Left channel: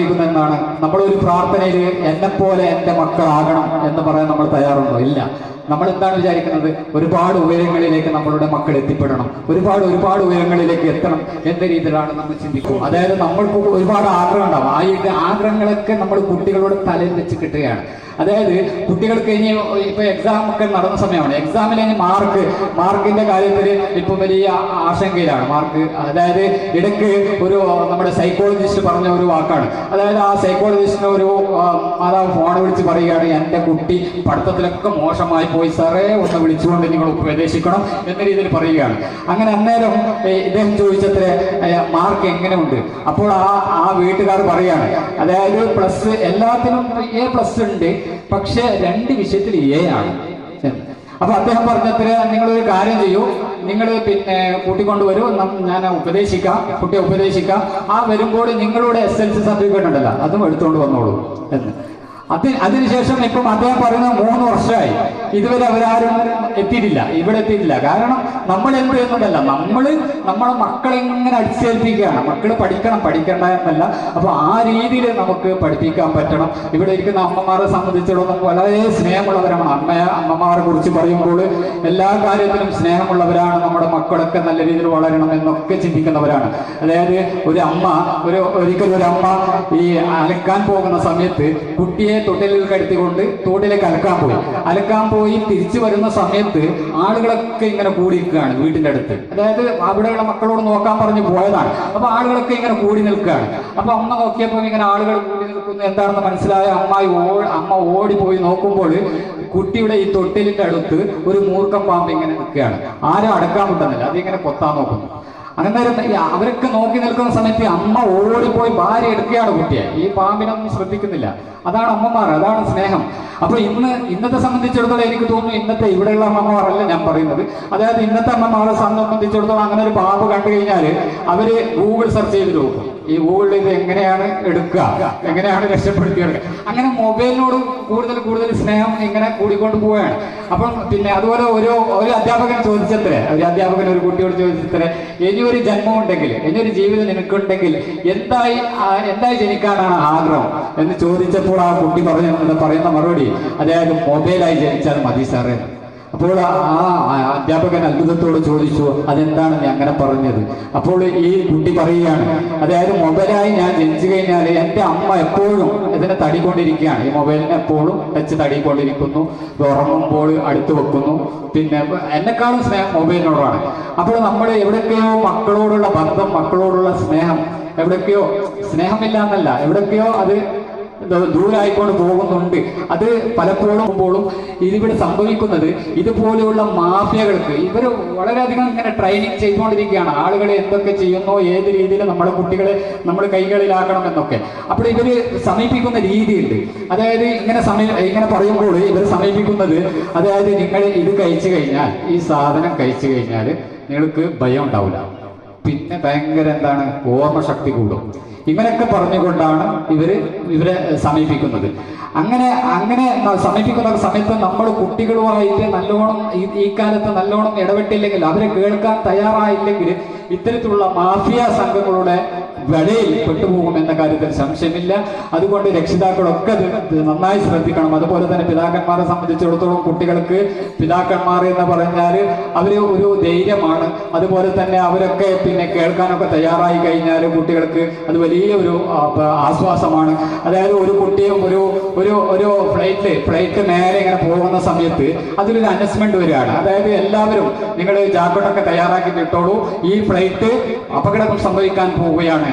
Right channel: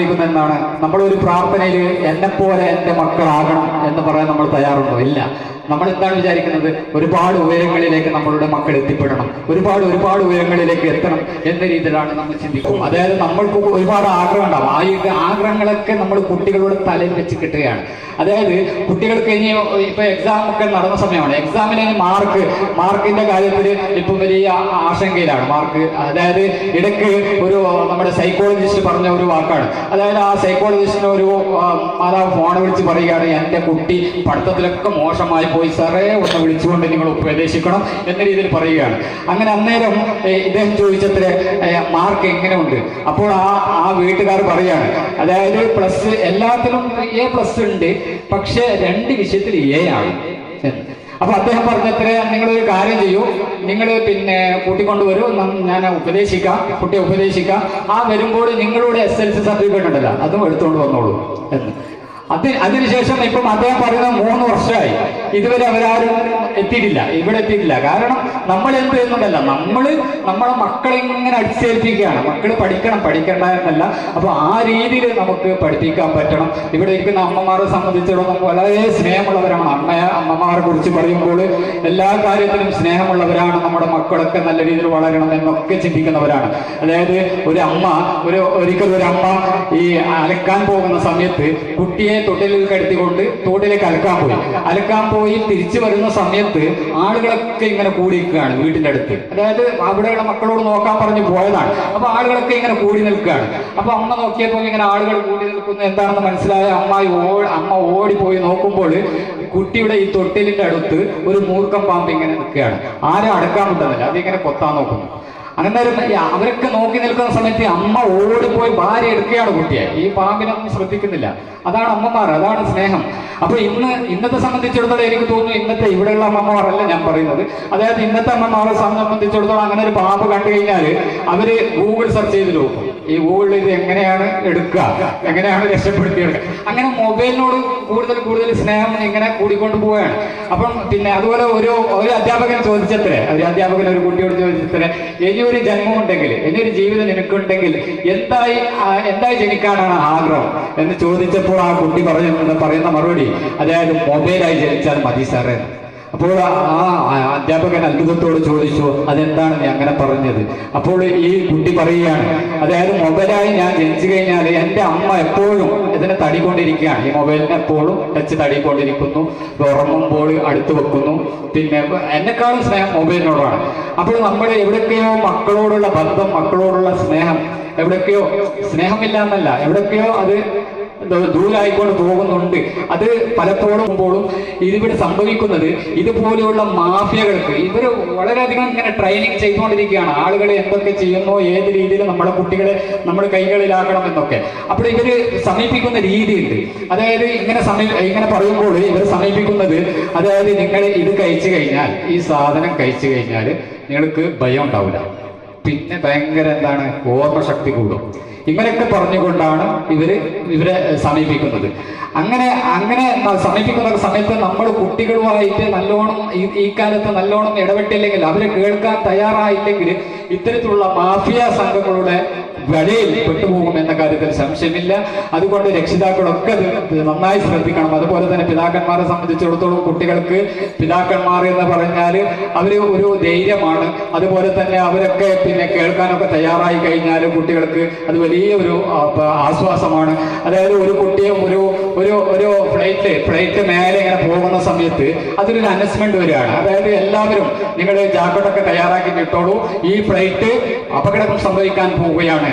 എന്നാണ് ഒരു പ്രാർത്ഥനയിൽ എന്നെ പോലെ എന്റെ മക്കളാകണം എന്ന് പറയാൻ നമ്മൾ തയ്യാറുണ്ടോ? ഇല്ല. നമ്മൾ എന്താണ് വിചാരിക്കുന്നത്? ഒരുപാട് ഉയരങ്ങളിലേക്ക് നമ്മളുടെ മക്കൾ എത്തിപ്പെടണം. ഒരുപാട് ഒരുപാട് ഉയരങ്ങളിലേക്ക് എത്തണം എന്ന രീതിയിലാണ് നമ്മൾ ചിന്തിക്കും അതായത് നമ്മൾക്ക് ഒരുപാട് ആഗ്രഹം ഉണ്ടാവും. ആ ആഗ്രഹങ്ങളൊക്കെ നമ്മൾ കുട്ടികളോട് തലയിൽ വെച്ച് കിട്ടുകയാണ്. അതായത് കുട്ടികൾക്ക് ഇനി ഇപ്പൊ എക്സാം ഒക്കെ നടന്ന സമയമാണ്. എക്സാമിലെ മാർക്ക് മാർക്കിന്റെ കാര്യത്തിൽ ഇപ്പൊ വലിയ ആശങ്കയിലാണ്. മാർക്ക് അതായത് ഇടയ്ക്ക് ഒരു നമ്മുടെ സൈക്കോളജിസ്റ്റ് പറഞ്ഞ ഒരു വാക്കാണ്. അതായത് ആ സൈക്കോളജിസ്റ്റിന് ഒരു മാതാവ് ഫോൺ വിളിച്ച് പറയുകയാണ് എന്റെ കുട്ടി പഠിത്തത്തിലൊക്കെ മോശമായി പോയി സാറേ ഒന്ന് വിളിച്ചുകൊണ്ട് നിങ്ങൾ ഉപദേശിക്കണം എന്ന രീതിയിൽ പറയുകയാണ്. അങ്ങനെ അന്നേരം ഇദ്ദേഹം ചോദിച്ചത്ര മാർക്ക് എങ്ങനെയുണ്ട്? അപ്പോൾ ആ ആ വീട്ടുകാർ പറയുകയാണ് അതായത് പ്ലസ് എല്ലാത്തിനും എ പ്ലസ് ഉണ്ട് പക്ഷേ രണ്ട് വിഷയത്തിൽ എ ആണ്. അപ്പൊ അദ്ദേഹം പറഞ്ഞത്ര നിങ്ങൾ ഒരു കാര്യം ചെയ്യൂ. നിങ്ങൾ പിന്നെ കൂട്ടിക്കൊണ്ടുവരൂ. ഞാൻ ഉപദേശിക്കാം. കുട്ടിയെ ഉപദേശിക്കാം. ആ വരുമ്പോൾ നിങ്ങളുടെ എസ് എൽ സി സർട്ടിഫിക്കറ്റ് ഉണ്ടല്ലോ. അതും എടുത്തുകൊണ്ട് വന്നോളൂ. എന്ന്. അത് അതിനുശേഷം ഇപ്പം അദ്ദേഹം പറയുന്നത് മൂന്ന് വർഷമായി. ഇതുവരെ അവരാരും എത്തിയിട്ടില്ല. ഇവിടെ എത്തിയിട്ടില്ല. കാരണം നമ്മൾ എന്ത് എന്നതല്ല നമ്മൾ നമ്മളെ മക്കളെ ഇങ്ങനെ അടിച്ചേൽപ്പിക്കുകയാണ്. മക്കൾ പഠിക്കണം പഠിക്കേണ്ട എന്നല്ല. അപ്പൊ ആ രീതിയിൽ നമുക്ക് പഠിപ്പിക്കാൻ പറ്റണം. ഇവിടെ ഇരിക്കുന്ന അമ്മമാരെ സംബന്ധിച്ചിടത്തോളം നമുക്ക് വളരെ സ്നേഹമുള്ളവരാണ്. അമ്മയെ അമ്മമാരെ കുറിച്ച് പറയുമ്പോൾ എല്ലാ കാര്യത്തിലും സ്നേഹമുള്ളവരാണ്. നമ്മുടെ മക്കളൊക്കെ നല്ല രീതിയിൽ വളരണം എന്നൊക്കെ ചിന്തിക്കുന്നവരാണ്. അതായത് ഒരു അമ്മ ഒരു ഒരിക്കലും ഒരു അമ്മ ഈ അലക്കാൻ പോകുന്ന സമയത്ത് കുട്ടിയെ തൊട്ടിലിൽ കടത്തിക്കൊണ്ട് തോട്ടിലേക്ക് അലക്കാൻ പോയി. അലക്കാൻ പോയി തിരിച്ചു വരുന്ന സമയത്ത് ആളുകളൊക്കെ ഇങ്ങനെ കൂടി നിൽക്കുകയാണ് വീട്ടിന്റെ അടുത്ത്. അതായത് അവിടെയുള്ള മക്കളോട് നോക്കാൻ പറഞ്ഞു പോയതാണ്. അപ്പൊ ആളുകളൊക്കെ ഇങ്ങനെ കൂടി നിൽക്കുകയാണ്. അപ്പൊ അമ്മ നോക്കിയപ്പോൾ ഇങ്ങനെ ആളുകൾ കൂടി നിൽക്കുന്നു. എന്താണെന്ന് മനസ്സിലായ അമ്മ അമ്മ ഓടിപ്പോയി നോക്കുമ്പോൾ കുട്ടിയുടെ ഈ തൊട്ടിലിന്റെ അടുത്ത് ഒരു മൂർക്കം പാമ്പ് ഇങ്ങനെ നിൽക്കുകയാണ്. ആരും അടക്കാൻ പറ്റുന്നില്ല അതിങ്ങനെ കൊത്താൻ നോക്കുന്നു. ഈ അവരൊക്കെ നോക്കി നിൽക്കുന്ന സമയത്ത് അമ്മ ഓടിപ്പോയി ഭാര്യ എടുക്കുകയാണ് കുട്ടിയെ. ഈ പാമ്പിനൊന്നും ശ്രദ്ധിക്കുന്നില്ല. അതാണ് അമ്മമാർ അതാണ് സ്നേഹം. അപ്പൊ ഇന്ന് ഇന്നത്തെ സംബന്ധിച്ചിടത്തോളം എനിക്ക് തോന്നുന്നു ഇന്നത്തെ ഇവിടെയുള്ള അമ്മമാരല്ല ഞാൻ പറയുന്നത്. അതായത് ഇന്നത്തെ അമ്മമാരെ സംബന്ധിച്ചിടത്തോളം അങ്ങനെ ഒരു പാമ്പ് കണ്ടു കഴിഞ്ഞാൽ അവർ ഗൂഗിൾ സെർച്ച് ചെയ്ത് നോക്കും. ഈ ഗൂഗിളിൽ ഇത് എങ്ങനെയാണ് എടുക്കുക? എങ്ങനെയാണ് രക്ഷപ്പെടുത്തിയത്? അങ്ങനെ മൊബൈലിനോട് കൂടുതൽ കൂടുതൽ സ്നേഹം ഇങ്ങനെ കൂടിക്കൊണ്ട് പോവുകയാണ്. അപ്പം പിന്നെ അതുപോലെ ഒരു ഒരു അധ്യാപകൻ ചോദിച്ചത്രേ ഒരു അധ്യാപകൻ ഒരു കുട്ടിയോട് ചോദിച്ചത്രേ ഇനി ഒരു ജന്മം ഉണ്ടെങ്കിൽ ഇനി ഒരു ജീവിതം നിനക്കുണ്ടെങ്കിൽ എന്തായി എന്തായി ജനിക്കാനാണ് ആഗ്രഹം? എന്ന് ചോദിച്ചപ്പോൾ ആ കുട്ടി പറഞ്ഞ പറയുന്ന മറുപടി? അതായത് മൊബൈലായി ജനിച്ചാൽ മതി സാറേ. അപ്പോൾ ആ അധ്യാപകൻ അത്ഭുതത്തോട് ചോദിച്ചു അതെന്താണ് നീ അങ്ങനെ പറഞ്ഞത്? അപ്പോൾ ഈ കുട്ടി പറയുകയാണ് അതായത് മൊബൈലായി ഞാൻ ജനിച്ചു കഴിഞ്ഞാൽ എന്റെ അമ്മ എപ്പോഴും ഇതിനെ തടികൊണ്ടിരിക്കുകയാണ്. ഈ മൊബൈലിനെ എപ്പോഴും ടച്ച് തടികൊണ്ടിരിക്കുന്നു ഉറങ്ങുമ്പോൾ അടുത്ത് വെക്കുന്നു. പിന്നെ എന്നെക്കാളും സ്നേഹം മൊബൈലിനോടാണ്. അപ്പോൾ നമ്മൾ എവിടെയൊക്കെയോ മക്കളോടുള്ള ബന്ധം മക്കളോടുള്ള സ്നേഹം എവിടെയൊക്കെയോ സ്നേഹമില്ല എന്നല്ല എവിടെയൊക്കെയോ അത് ദൂരായിക്കൊണ്ട് പോകുന്നുണ്ട്. അത് പലപ്പോഴും പോലും ഇതിവിടെ സംഭവിക്കുന്നത് ഇതുപോലെയുള്ള മാഫിയകൾക്ക് ഇവർ വളരെയധികം ഇങ്ങനെ ട്രെയിനിങ് ചെയ്തുകൊണ്ടിരിക്കുകയാണ്. ആളുകൾ എന്തൊക്കെ ചെയ്യുന്നു ഏത് രീതിയിൽ നമ്മുടെ കുട്ടികളെ നമ്മൾ കൈകളിലാക്കണം എന്നൊക്കെ. അപ്പോൾ ഇവർ സമീപിക്കുന്ന രീതിയുണ്ട്. അതായത് ഇങ്ങനെ സമീപ ഇങ്ങനെ പറയുമ്പോൾ ഇവർ സമീപിക്കുന്നത് അതായത് നിങ്ങൾ ഇത് കഴിച്ചു കഴിഞ്ഞാൽ ഈ സാധനം കഴിച്ചു കഴിഞ്ഞാൽ നിങ്ങൾക്ക് ഭയം ഉണ്ടാവില്ല. പിന്നെ ഭയങ്കര എന്താണ് ഓർമ്മശക്തി കൂടും. ഇങ്ങനെയൊക്കെ പറഞ്ഞുകൊണ്ടാണ് ഇവർ ഇവരെ സമീപിക്കുന്നത്. അങ്ങനെ അങ്ങനെ സമീപിക്കുന്ന സമയത്ത് നമ്മൾ കുട്ടികളുമായിട്ട് നല്ലോണം ഈ കാലത്ത് നല്ലോണം ഇടപെട്ടില്ലെങ്കിൽ അവരെ കേൾക്കാൻ തയ്യാറായില്ലെങ്കിൽ ഇത്തരത്തിലുള്ള മാഫിയ സംഘങ്ങളുടെ വലയിൽ പെട്ടുപോകും എന്ന കാര്യത്തിൽ സംശയമില്ല. അതുകൊണ്ട് രക്ഷിതാക്കളൊക്കെ നന്നായി ശ്രദ്ധിക്കണം. അതുപോലെ തന്നെ പിതാക്കന്മാരെ സംബന്ധിച്ചിടത്തോളം കുട്ടികൾക്ക് പിതാക്കന്മാർ എന്ന് പറഞ്ഞാൽ അവർ ഒരു ധൈര്യമാണ്. അതുപോലെ തന്നെ അവരൊക്കെ പിന്നെ കേൾക്കാനൊക്കെ തയ്യാറായി കഴിഞ്ഞാൽ കുട്ടികൾക്ക് അത് വലിയൊരു ആശ്വാസമാണ്. അതായത് ഒരു കുട്ടിയും ഒരു ഒരു ഒരു ഫ്ലൈറ്റ് ഫ്ലൈറ്റ് മേലെ ഇങ്ങനെ പോകുന്ന സമയത്ത് അതിലൊരു അനൗൺസ്മെന്റ് വരികയാണ്. അതായത് എല്ലാവരും നിങ്ങൾ ജാക്കറ്റൊക്കെ തയ്യാറാക്കി ഇട്ടോളൂ. ഈ ഫ്ലൈറ്റ് അപകടം സംഭവിക്കാൻ പോവുകയാണ്.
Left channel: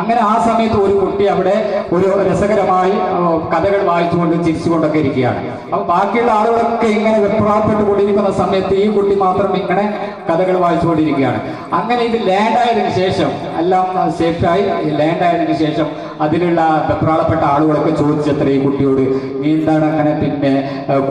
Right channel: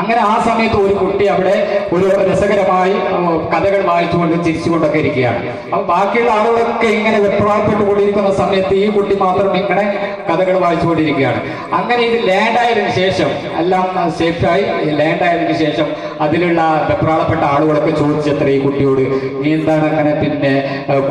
അങ്ങനെ ആ സമയത്ത് ഒരു കുട്ടി അവിടെ ഒരു രസകരമായി കഥകൾ വായിച്ചുകൊണ്ട് ചിരിച്ചുകൊണ്ടൊക്കെ ഇരിക്കുകയാണ്. അപ്പൊ ബാക്കിയുള്ള ആളുകളൊക്കെ ഇങ്ങനെ വെപ്രാളപ്പെട്ടുകൊണ്ടിരിക്കുന്ന സമയത്ത് ഈ കുട്ടി മാത്രം ഇങ്ങനെ കഥകൾ വായിച്ചുകൊണ്ടിരിക്കുകയാണ്. അങ്ങനെ ഇത് ലാൻഡ് ആയതിനു ശേഷം എല്ലാം സേഫായി. ലാൻഡ് ആയതിനു ശേഷം അതിലുള്ള വെപ്രാളപ്പെട്ട ആളുകളൊക്കെ ചോദിച്ചത്ര ഈ കുട്ടിയോട് നീ എന്താണ് അങ്ങനെ പിന്നെ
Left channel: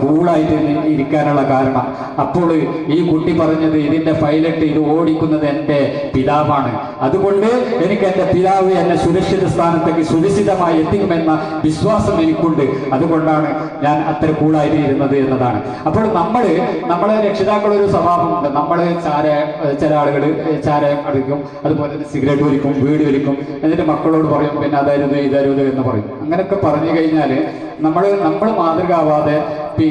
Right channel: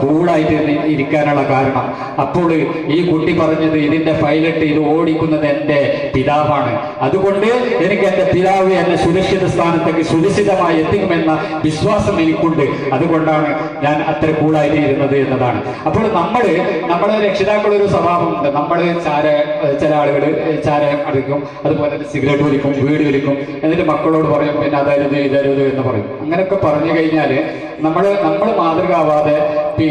കൂളായിട്ട് ഇരിക്കാനുള്ള കാരണം? അപ്പോൾ ഈ കുട്ടി പറഞ്ഞത് ഇതിന്റെ പൈലറ്റ് ഇത് ഓടിക്കുന്നത് എന്റെ പിതാവാണ്. അതുകൊണ്ട് എനിക്ക് എന്റെ പിതാവ് അള്ളാഹു എന്നെ സുരക്ഷിത സ്ഥാനത്തേക്ക് സുരക്ഷിതമായി എത്തിക്കുമെന്ന വിശ്വാസം എനിക്കുണ്ട്. അതുകൊണ്ടാണ് ഞാൻ അത്ര കൂളായി ഇരുന്നത് എന്നതാണ്. അപ്പോൾ നമ്മൾ നമ്മുടെ രക്ഷിതാക്കൾ ഒരു സ്വഭാവമുണ്ട്. നമ്മൾ ചാര ചില ആളുകൾ ചാരായം അടിക്കും അതുപോലെ തന്നെ സിഗരറ്റ് വലിക്കും വീട് വലിക്കും എന്നിട്ട് മക്കളോട് പറയും പിന്നെ അതരുത് ഇതരുത് എന്ന് പറയും. അങ്ങനെയൊക്കെ പറഞ്ഞു കഴിഞ്ഞാൽ നമ്മൾ നമ്മൾ മാതൃകാവാതെ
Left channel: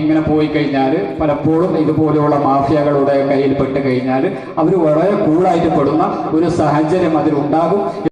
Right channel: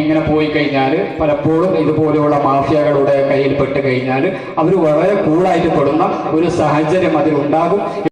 ഇങ്ങനെ പോയി കഴിഞ്ഞാൽ പലപ്പോഴും ഇതുപോലെയുള്ള മാഫിയകളുടെ കയ്യിൽ പെട്ട് കഴിഞ്ഞാൽ അവർ വളരെ കൂളായിട്ട് പെടുന്ന ഒരു സാഹചര്യം അതിൽ ഉണ്ടാകും